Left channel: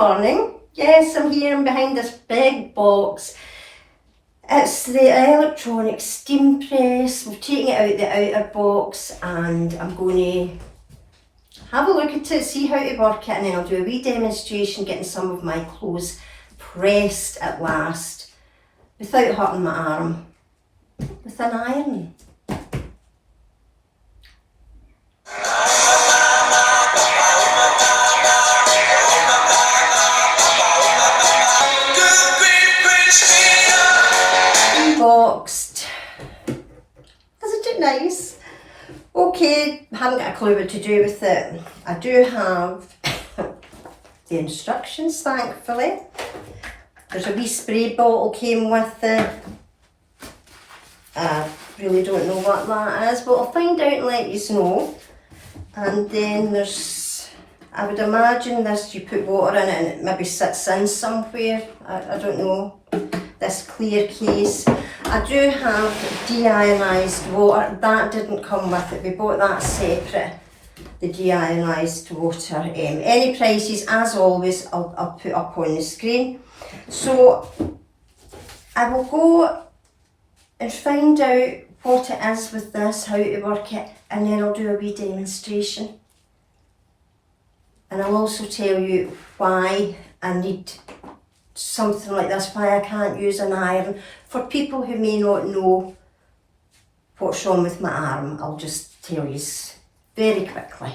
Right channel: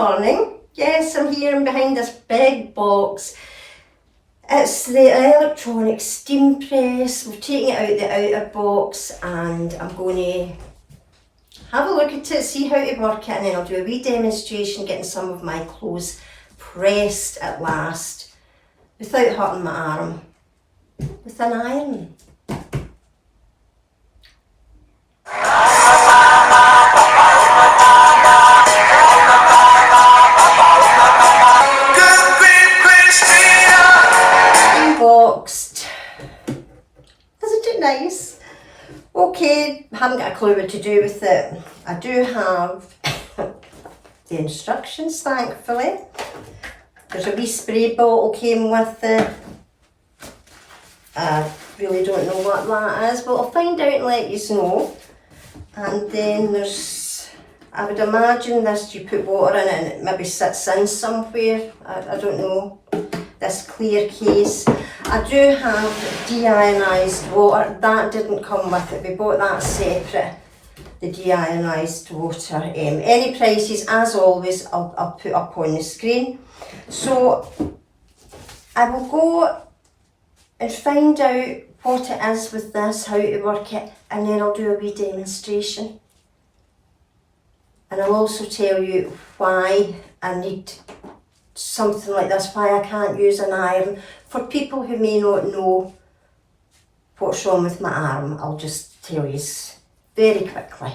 morning. Yes, I'm here and behind this big box. It's the electronic steam press. We've taken it out the outer box and I'm going to have a look at it, see how to work it, and then I'll do a wee demonstration getting some of my clothes pressed at last without hurting my arm with an iron. Unboxed. Isn't it nice? Okay, haven't got a clue what to do with it. I do have the instructions, thankfully. There's a wee spray bottle came with it. I really don't know what that is, but I'll find out and let you know. And then there's, I would imagine this, you put water in it and it maybe sits in somewhere. I don't know. This clear case. I do have deionised water. That didn't come with it. We bought that separate. The deionised water. Any prices, as always, I'll put up on the screen. So I will go and find out what it is with this, how to work it, and then I'll do a wee demonstration. And I'll also tell you why I need something like this, why I can't use an iron. For people who may not know what's wrong with my arm, I'll just tell you very quickly.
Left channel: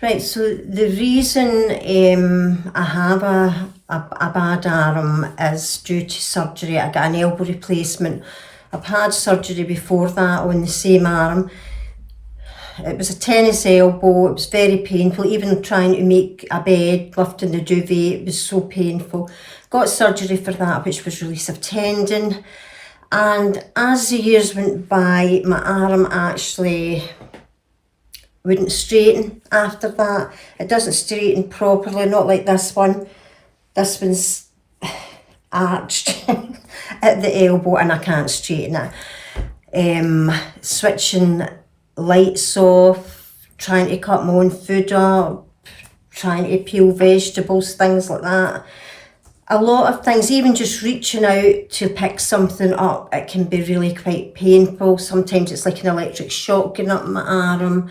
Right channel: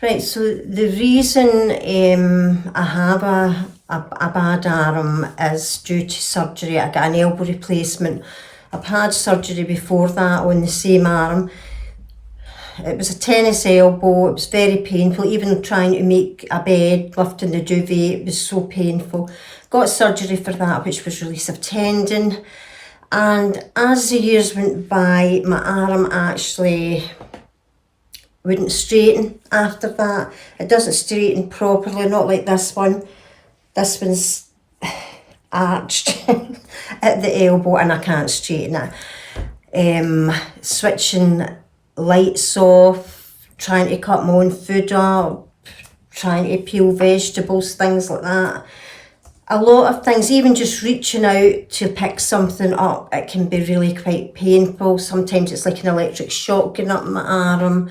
Right, so the reason I have a bad arm is due to surgery. I got an elbow replacement. I've had surgery before that on the same arm. It was a tennis elbow. It was very painful. Even trying to make a bed, lifting the duvet, it was so painful. Got surgery for that, which was release of tendon. And as the years went by, my arm actually wouldn't straighten after that. It doesn't straighten properly, not like this one. This one's arched at the elbow and I can't straighten it. Switching lights off, trying to cut my own food up, trying to peel vegetables, things like that. A lot of things, even just reaching out to pick something up, it can be really quite painful. Sometimes it's like an electric shock going up my arm.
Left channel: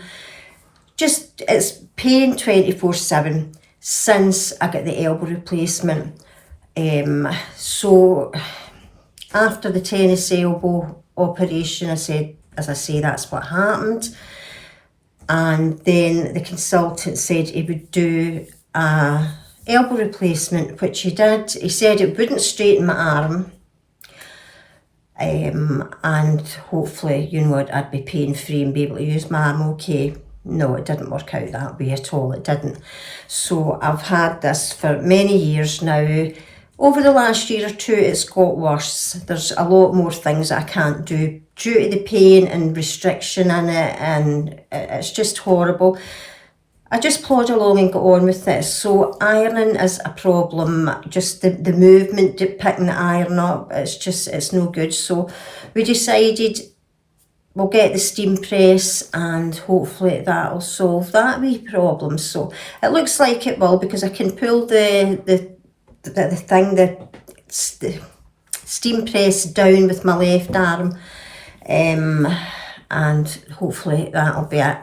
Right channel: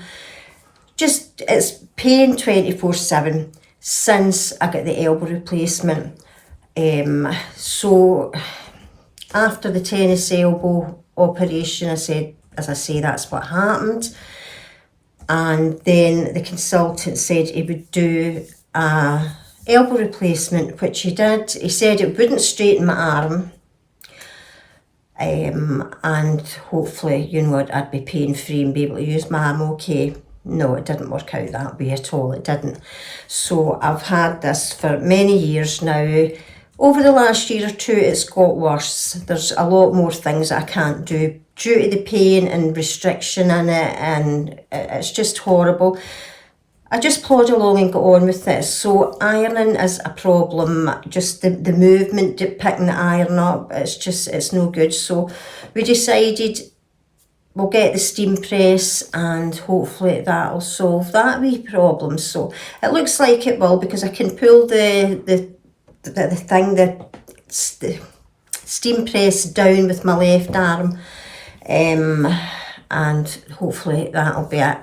Just, it's pain 24/7 since I got the elbow replacement. So after the tennis elbow operation, as I say, that's what happened. And then the consultant said he would do a elbow replacement, which he did. He said it wouldn't straighten my arm. And hopefully, you know, I'd be pain-free and be able to use my arm okay. No, it didn't work out that way at all. It didn't. So I've had this for many years now. Over the last year or two, it's got worse. There's a lot more things I can't do due to the pain and restriction in it, and it's just horrible. I just plod along and go on with it. So ironing is a problem. Just the movement, picking the iron up, it's no good. So we decided we'll get the steam press and hopefully that'll solve that wee problem. So it looks like it will, because I can pull the steam press down with my left arm, and hopefully that'll be it.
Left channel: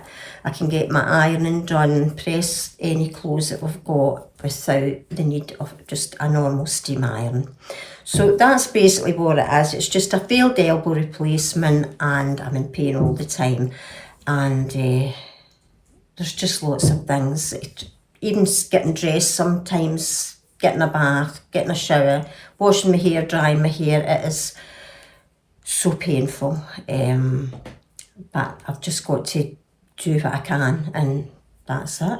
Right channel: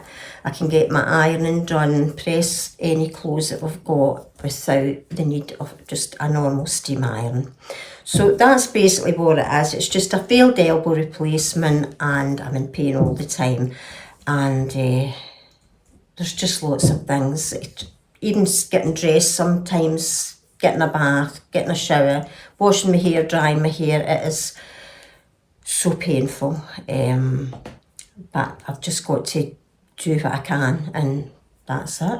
I can get my ironing done, press any clothes that we've got without the need of just a normal steam iron. So that's basically what it is. It's just a failed elbow replacement and I'm in pain all the time. And there's just lots of things. Even getting dressed sometimes, getting a bath, getting a shower, washing my hair, drying my hair, it is so painful. But I've just got to do what I can, and that's it.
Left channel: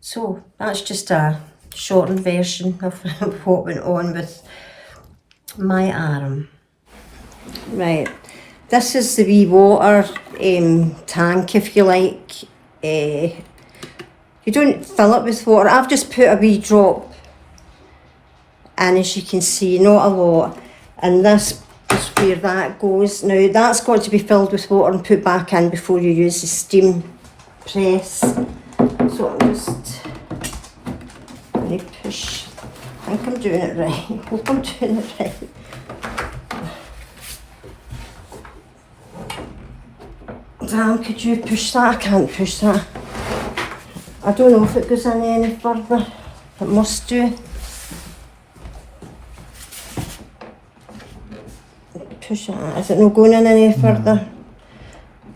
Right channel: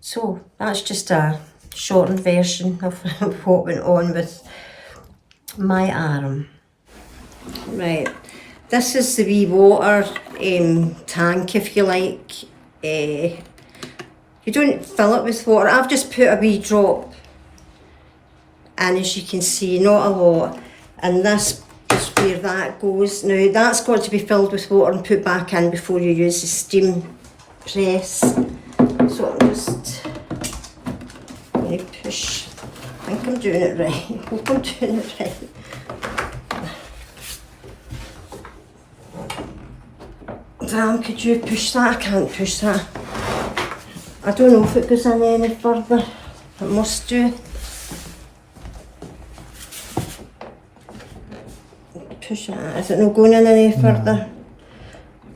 So that's just a shortened version of what went on with my arm. Right, this is the wee water tank, if you like. You don't fill it with water. I've just put a wee drop in, as you can see, not a lot. And this is where that goes. Now that's got to be filled with water and put back in before you use the steam press. So I'm just going to push. I think I'm doing it right. I hope I'm doing it right. Ram, could you push that? I can't push that. I don't know if it goes in any further. It must do. Push it. Is it not going in any further?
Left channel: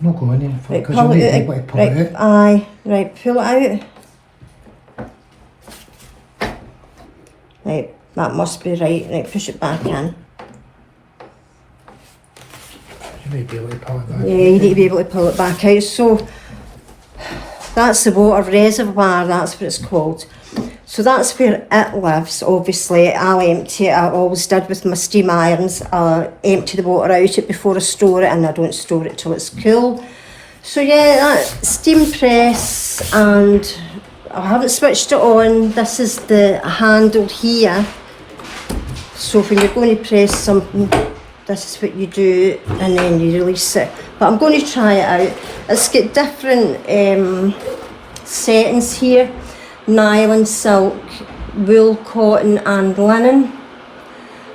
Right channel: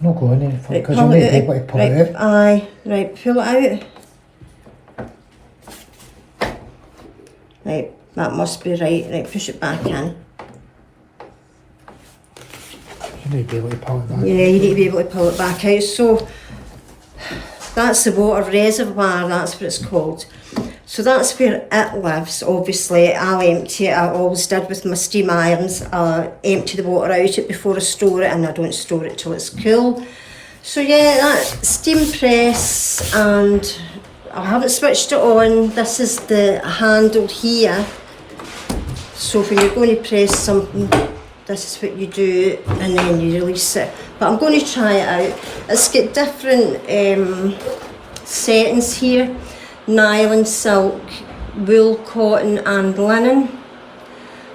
No, not going any further, because right, you'll need to be able to pull it out. Aye, right, pull it out. Right, that must be right. Right, push it back in. You need to be able to pull it back. Yeah, you need to be able to pull it back out. So that's the water reservoir, that's what it's called. So that's where it lives. Obviously, I'll empty it. I always did with my steam irons. I'll empty the water out it before I store it, and I don't store it till it's cool. So yeah, that's steam press, and I haven't switched it on. This is the handle here. So when you're going to press something, this is what you do, and then you release it. But I'm going to try it out. It's got different settings here. Nylon, silk, wool, cotton and linen.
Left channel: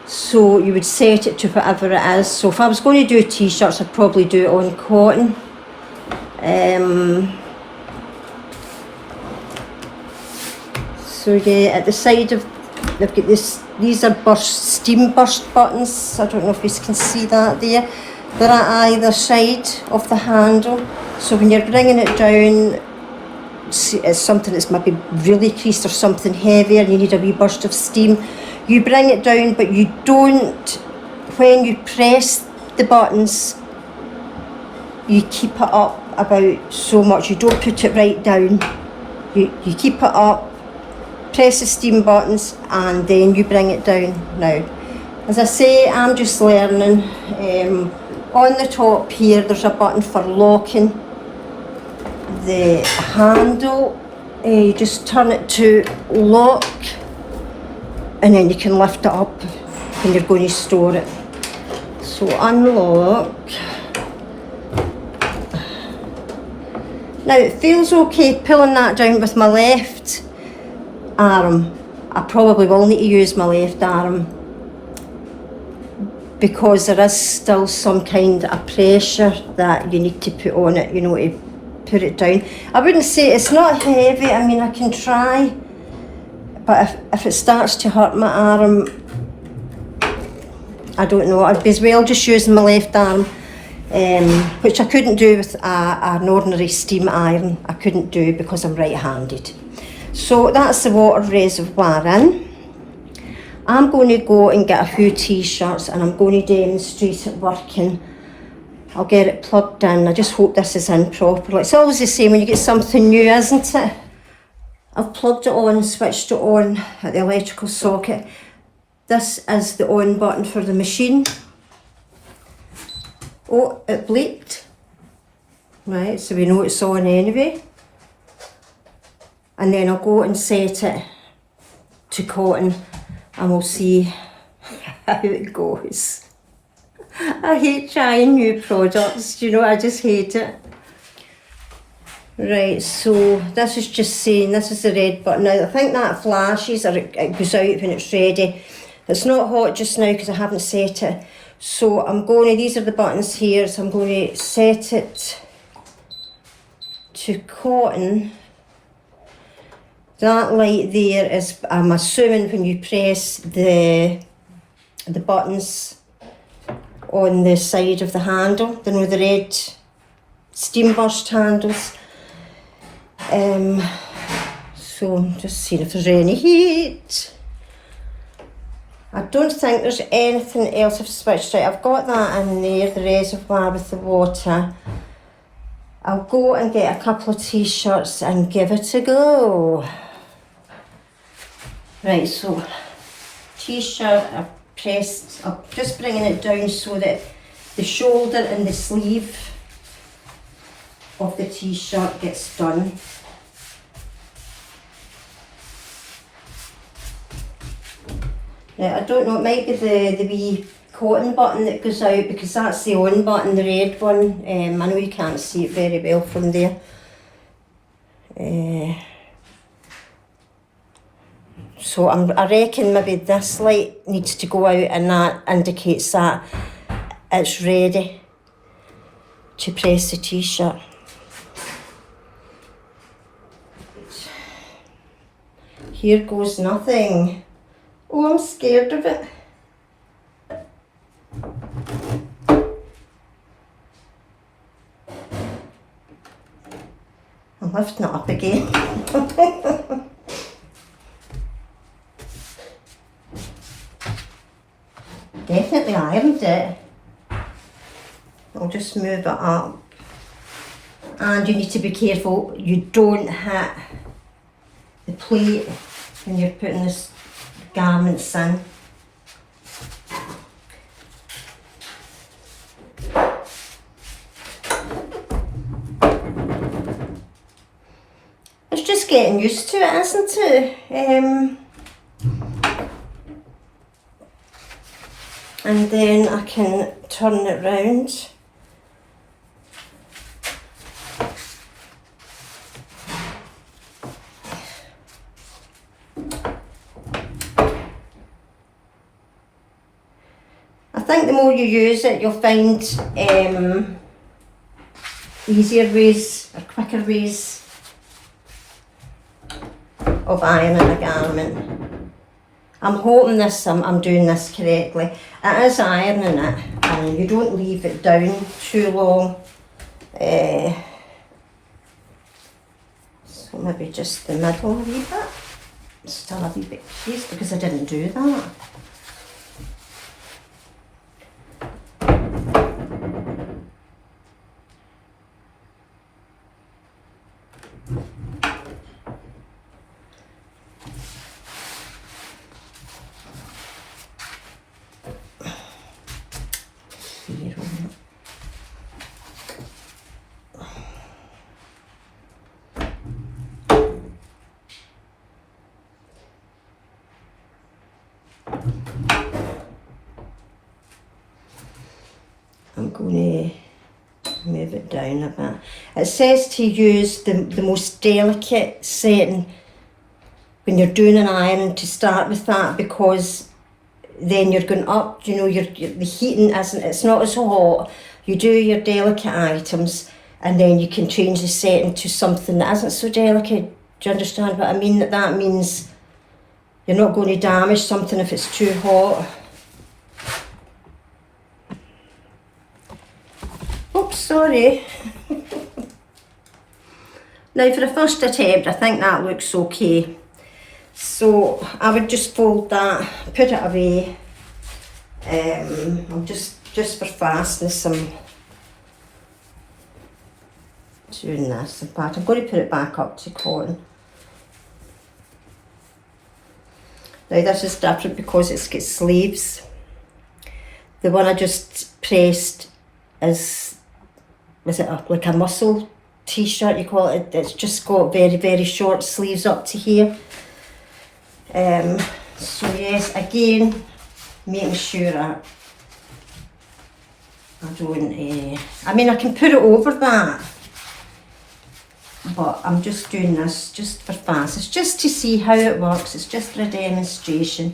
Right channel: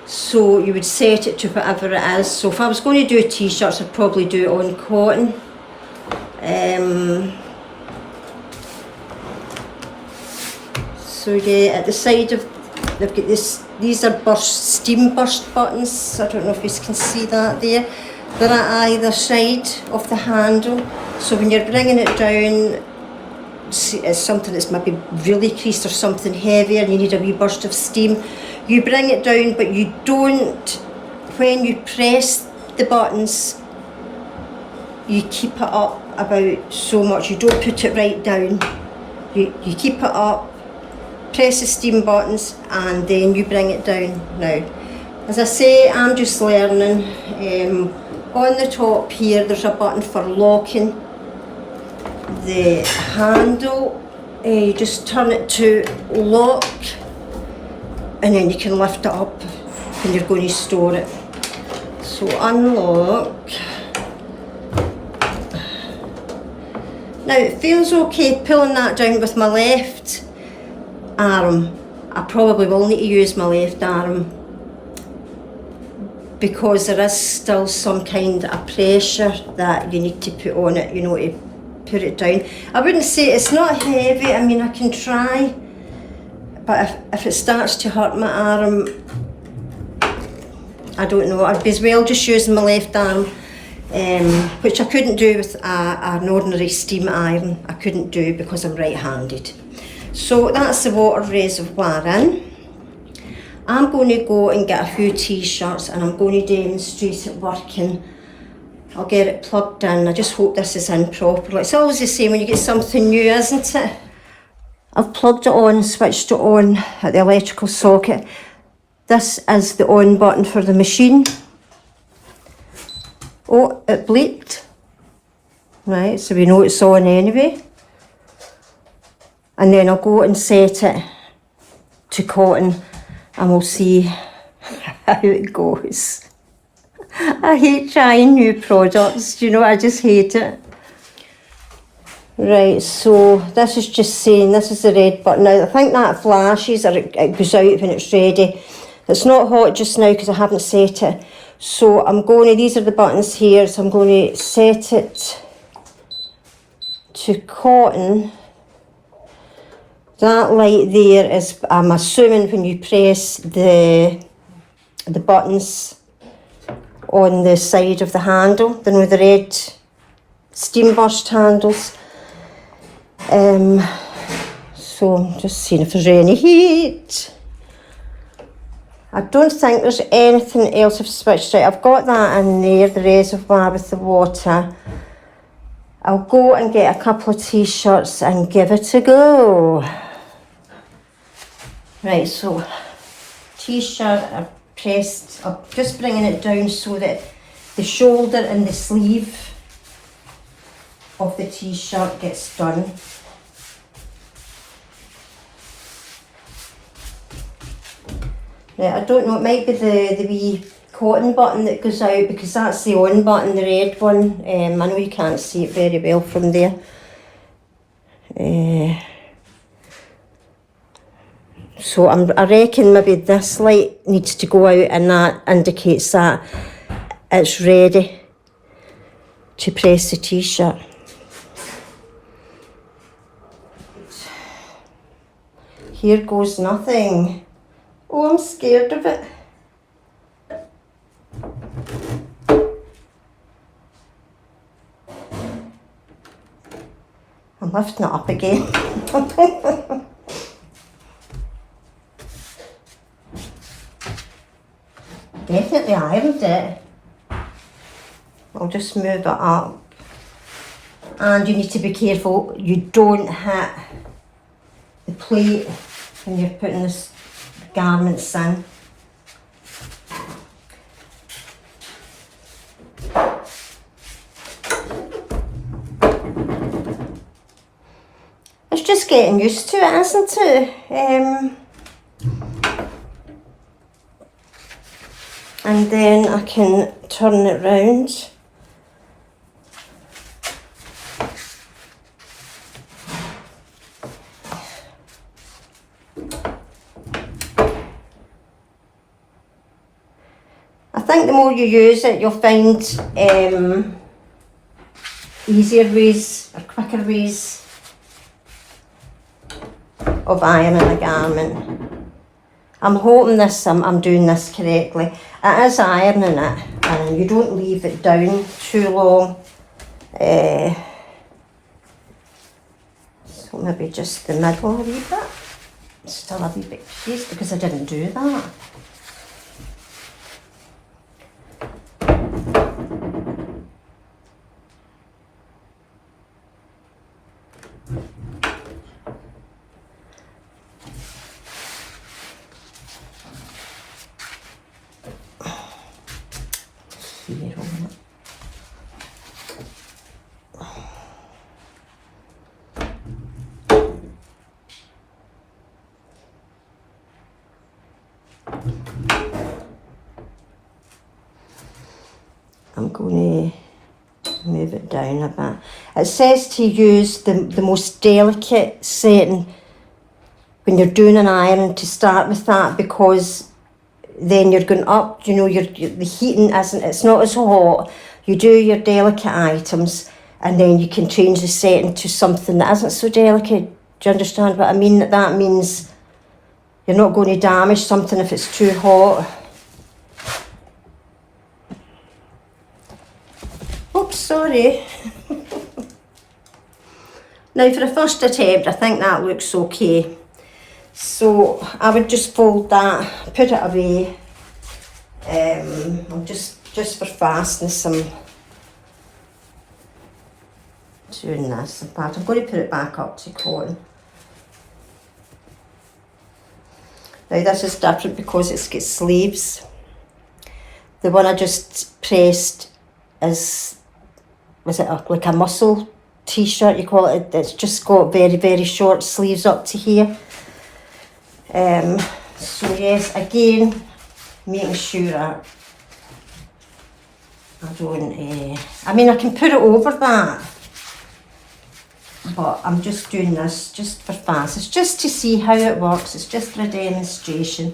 So you would set it to whatever it is. So if I was going to do t-shirts, I'd probably do it on cotton. So yeah, at the side of, they've got this, these are steam burst buttons. I don't know if you can see that there. They're at either side of the handle. So when you're bringing it down, it's something that's maybe really creased or something heavier, you need a wee burst of steam, you bring it down, but you don't, when you press the buttons, you keep it up about so much. You don't put it right down, you keep it up, press the steam buttons, and then you bring it down. Now, as I say, I'm just learning. On the top here there's a button for locking the handle. You just turn it to lock, and then you can lift it up when you're going to store it. So unlock. Now it feels okay pulling that down with my left arm. I probably will need to use my left arm because there is still some kind of pressure that you need to put on it, you know, to put it down. I wouldn't say it's not heavy. I mean, I can try, but if it starts to hurt my arm, I don't know, I'd be as well just using my left arm, which I couldn't do with an ordinary steam iron. I couldn't do because I'm right-handed. So that's the water reservoir in. I'm going to go and get a few t-shirts, and I'm going to demonstrate it working. I'll get it plugged in. I just hope this is in properly. It's always the same when you get something new, isn't it? I've plugged it on, switched it on at the electrical socket. This is the on button for the machine. Oh, it bleeped. Right, so we know it's on anyway. And then I'll go and set it to cotton, and we'll see how it goes. I hate trying new products, you know, I just hate it. Right, so this is just saying, this is the red button. Now I think that flashes, or it goes out when it's ready. It's not hot just now because I haven't set it. So I'm going to, these are the buttons here, so I'm going to set it to cotton. That light there is, I'm assuming, when you press the buttons on the side of the handle, then with the red steam burst handles. So I'm just seeing if there's any heat. I don't think there's anything else I've switched out. I've got that in there, the reservoir with the water. I'll go and get a couple of t-shirts and give it a go. Right, so t-shirt, I've pressed, I'm just bringing it down so that the shoulder and the sleeve of the t-shirt gets done. Yeah, I don't know, it might be the wee cotton button that goes out, because that's the on button, the red one. I know you can't see it very well from there. So I reckon maybe this light needs to go out, and that indicates that it's ready to press the t-shirt. Here goes nothing. Oh, I'm scared of it. I'm lifting it up again. Definitely ironed it. I'll just move it up. And you need to be careful you don't hit the plate when you're putting this garments in. It's just getting used to it, isn't it? And then I can turn it round. I think the more you use it, you'll find easier ways or quicker ways of ironing a garment. I'm hoping I'm doing this correctly. It is ironing it, and you don't leave it down too long. So maybe just the middle a wee bit. Still a wee bit crease because I didn't do that. I'm going to move it down a bit. It says to use the most delicate setting when you're doing an iron, to start with that, because then you're going up, you know, the heating it's not as hot. You do your delicate items and then you can change the setting to something that isn't so delicate. Do you understand what I mean? That means you're not going to damage something if it's too hot. Oops, sorry. Now for the first attempt, I think that looks okay. So I would just fold that, put it away. I'm just for fastness, I'm doing this. In fact, I'm going to put it back up to cotton. Now this is different because it's got sleeves. The one I just pressed was it like a muscle t-shirt, you call it? It's just got very, very short sleeves up to here. So yes, again, making sure I don't, I mean I can put it over that, but I'm just doing this just for fast. It's just to see how it works, it's just for a demonstration.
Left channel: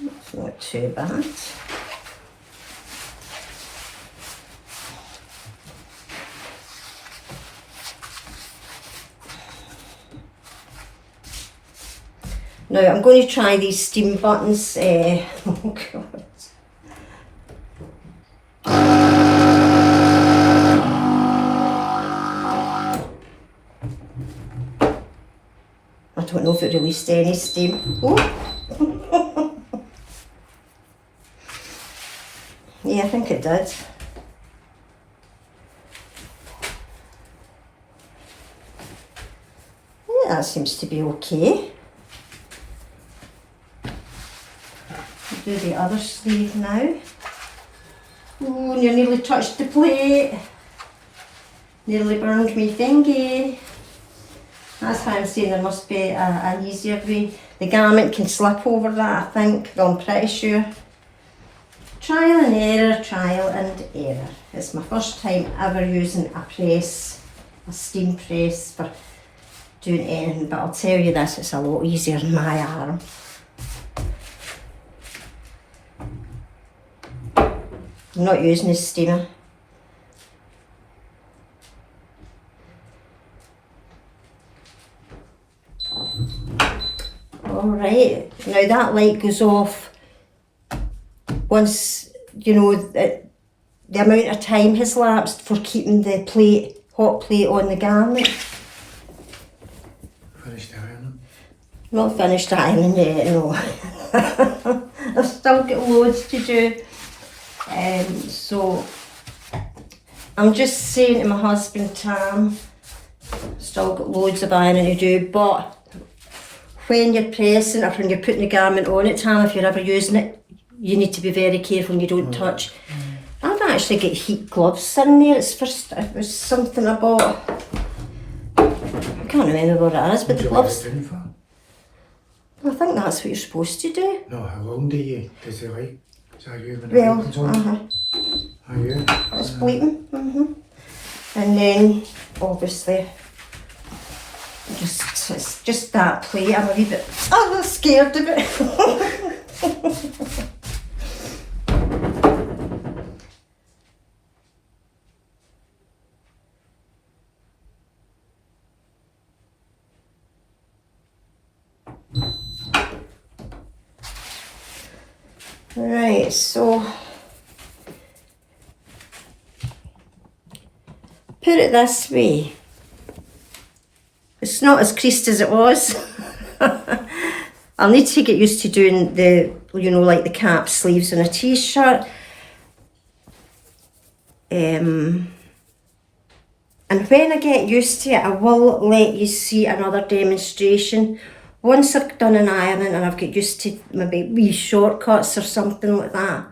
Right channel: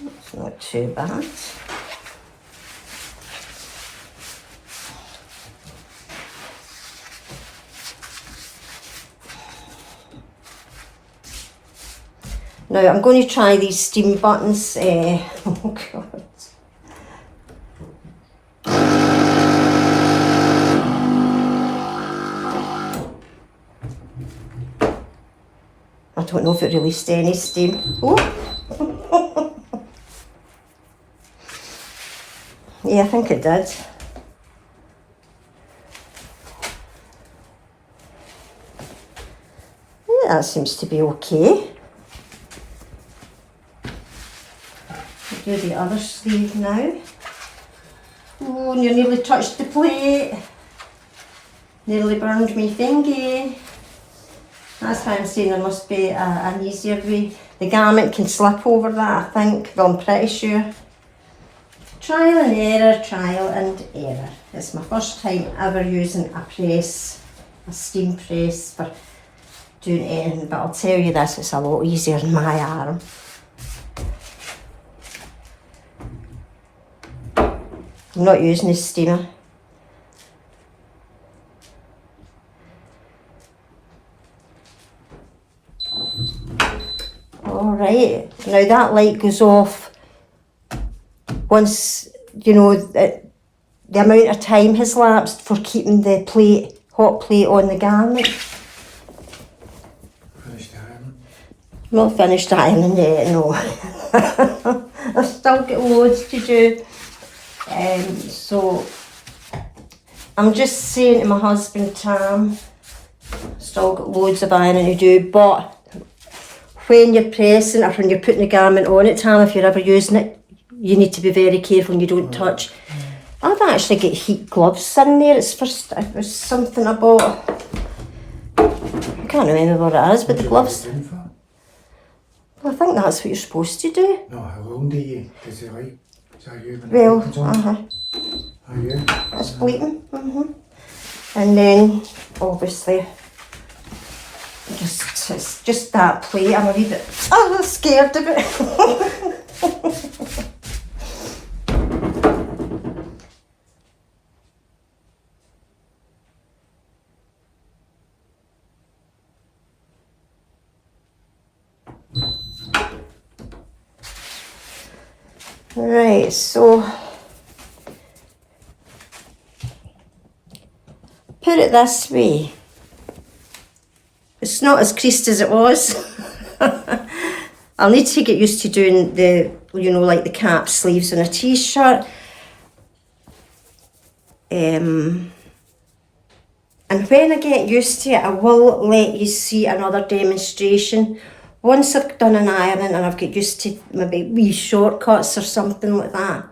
It's not too bad. Now I'm going to try these steam buttons. Oh God. I don't know if it released any steam. Oh. Yeah, I think it did. Yeah, that seems to be okay. Do the other sleeve now. Oh, you nearly touched the plate. Nearly burned me thingy. That's why I'm saying there must be an easier way. the garment can slip over that, I think. Well, I'm pretty sure. Trial and error, trial and error. It's my first time ever using a press, a steam press for doing anything, but I'll tell you this, it's a lot easier in my arm. I'm not using a steamer. Alright, now that light goes off once, you know, the amount of time has lapsed for keeping the plate, hot plate on the garment. Finished ironing. Not finished ironing yet, no. I've still got loads to do. So I'm just saying to my husband, Tam, still got loads of ironing to do, but when you're pressing or when you're putting the garment on it, Tam, if you're ever using it, you need to be very careful and you don't touch. I've actually got heat gloves in there. It was something I bought. I can't remember what it is, but the gloves. Well, I think that's what you're supposed to do. No, how long does it like? Is that you when Well, the light comes on? Are you? It's bleeding. And then, obviously, it's just that plate. I'm a wee bit scared of it. Right, so put it this way. It's not as creased as it was. I'll need to get used to doing the, you know, like the cap sleeves on a t-shirt. And when I get used to it, I will let you see another demonstration. Once I've done an ironing and I've got used to maybe wee shortcuts or something like that.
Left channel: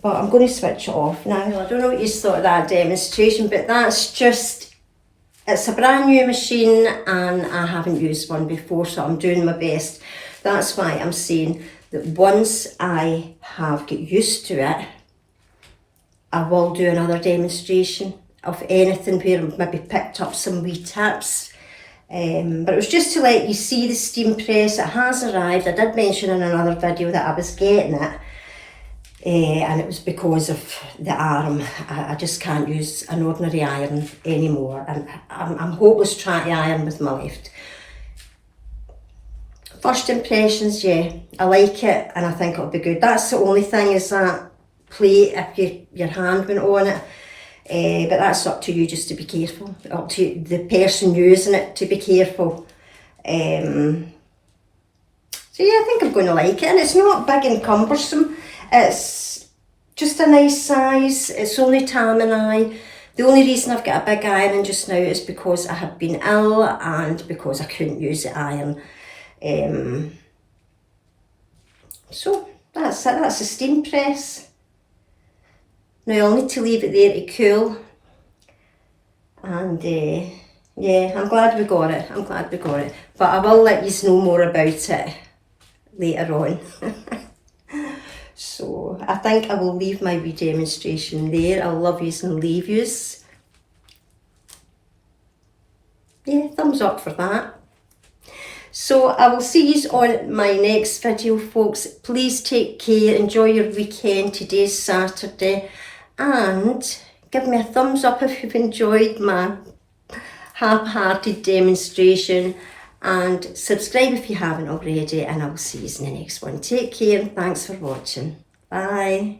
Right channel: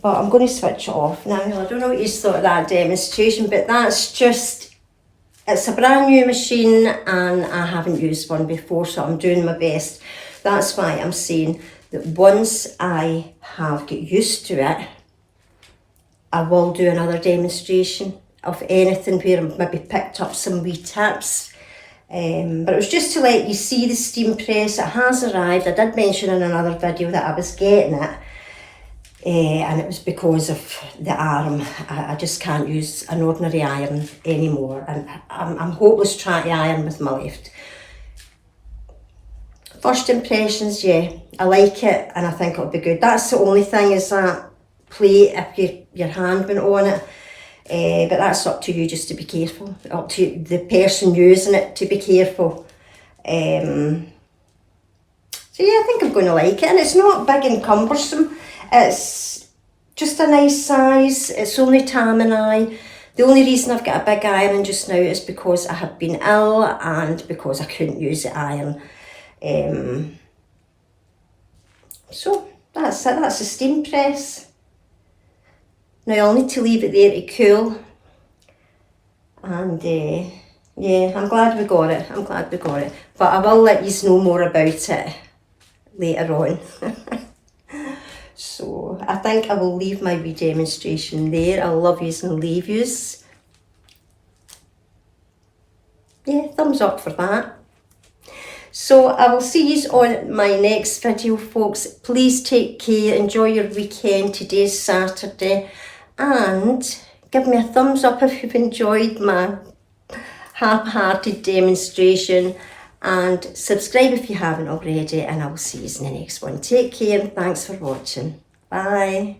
But I'm going to switch it off now. I don't know what you thought of that demonstration, but that's just, it's a brand new machine and I haven't used one before, so I'm doing my best. That's why I'm saying that once I have got used to it, I will do another demonstration of anything where I've maybe picked up some wee tips. But it was just to let you see the steam press. It has arrived. I did mention in another video that I was getting it. And it was because of the arm. I just can't use an ordinary iron anymore. And I'm hopeless trying to iron with my left. First impressions, yeah, I like it and I think it'll be good. That's the only thing is that plate, if your hand went on it. But that's up to you just to be careful. Up to the person using it to be careful. So yeah, I think I'm going to like it. And it's not big and cumbersome. It's just a nice size. It's only Tam and I. The only reason I've got a big iron just now is because I have been ill and because I couldn't use the iron. So that's it. That's the steam press. Now I'll need to leave it there to cool. And yeah, I'm glad we got it. I'm glad we got it. But I will let you know more about it later on. So I think I will leave my wee demonstration there. I love yous and leave yous. Yeah, thumbs up for that. So I will see you on my next video, folks. Please take care. Enjoy your weekend. Today's Saturday. And give me a thumbs up if you've enjoyed my half-hearted demonstration. And subscribe if you haven't already. And I will see you in the next one. Take care and thanks for watching. Bye.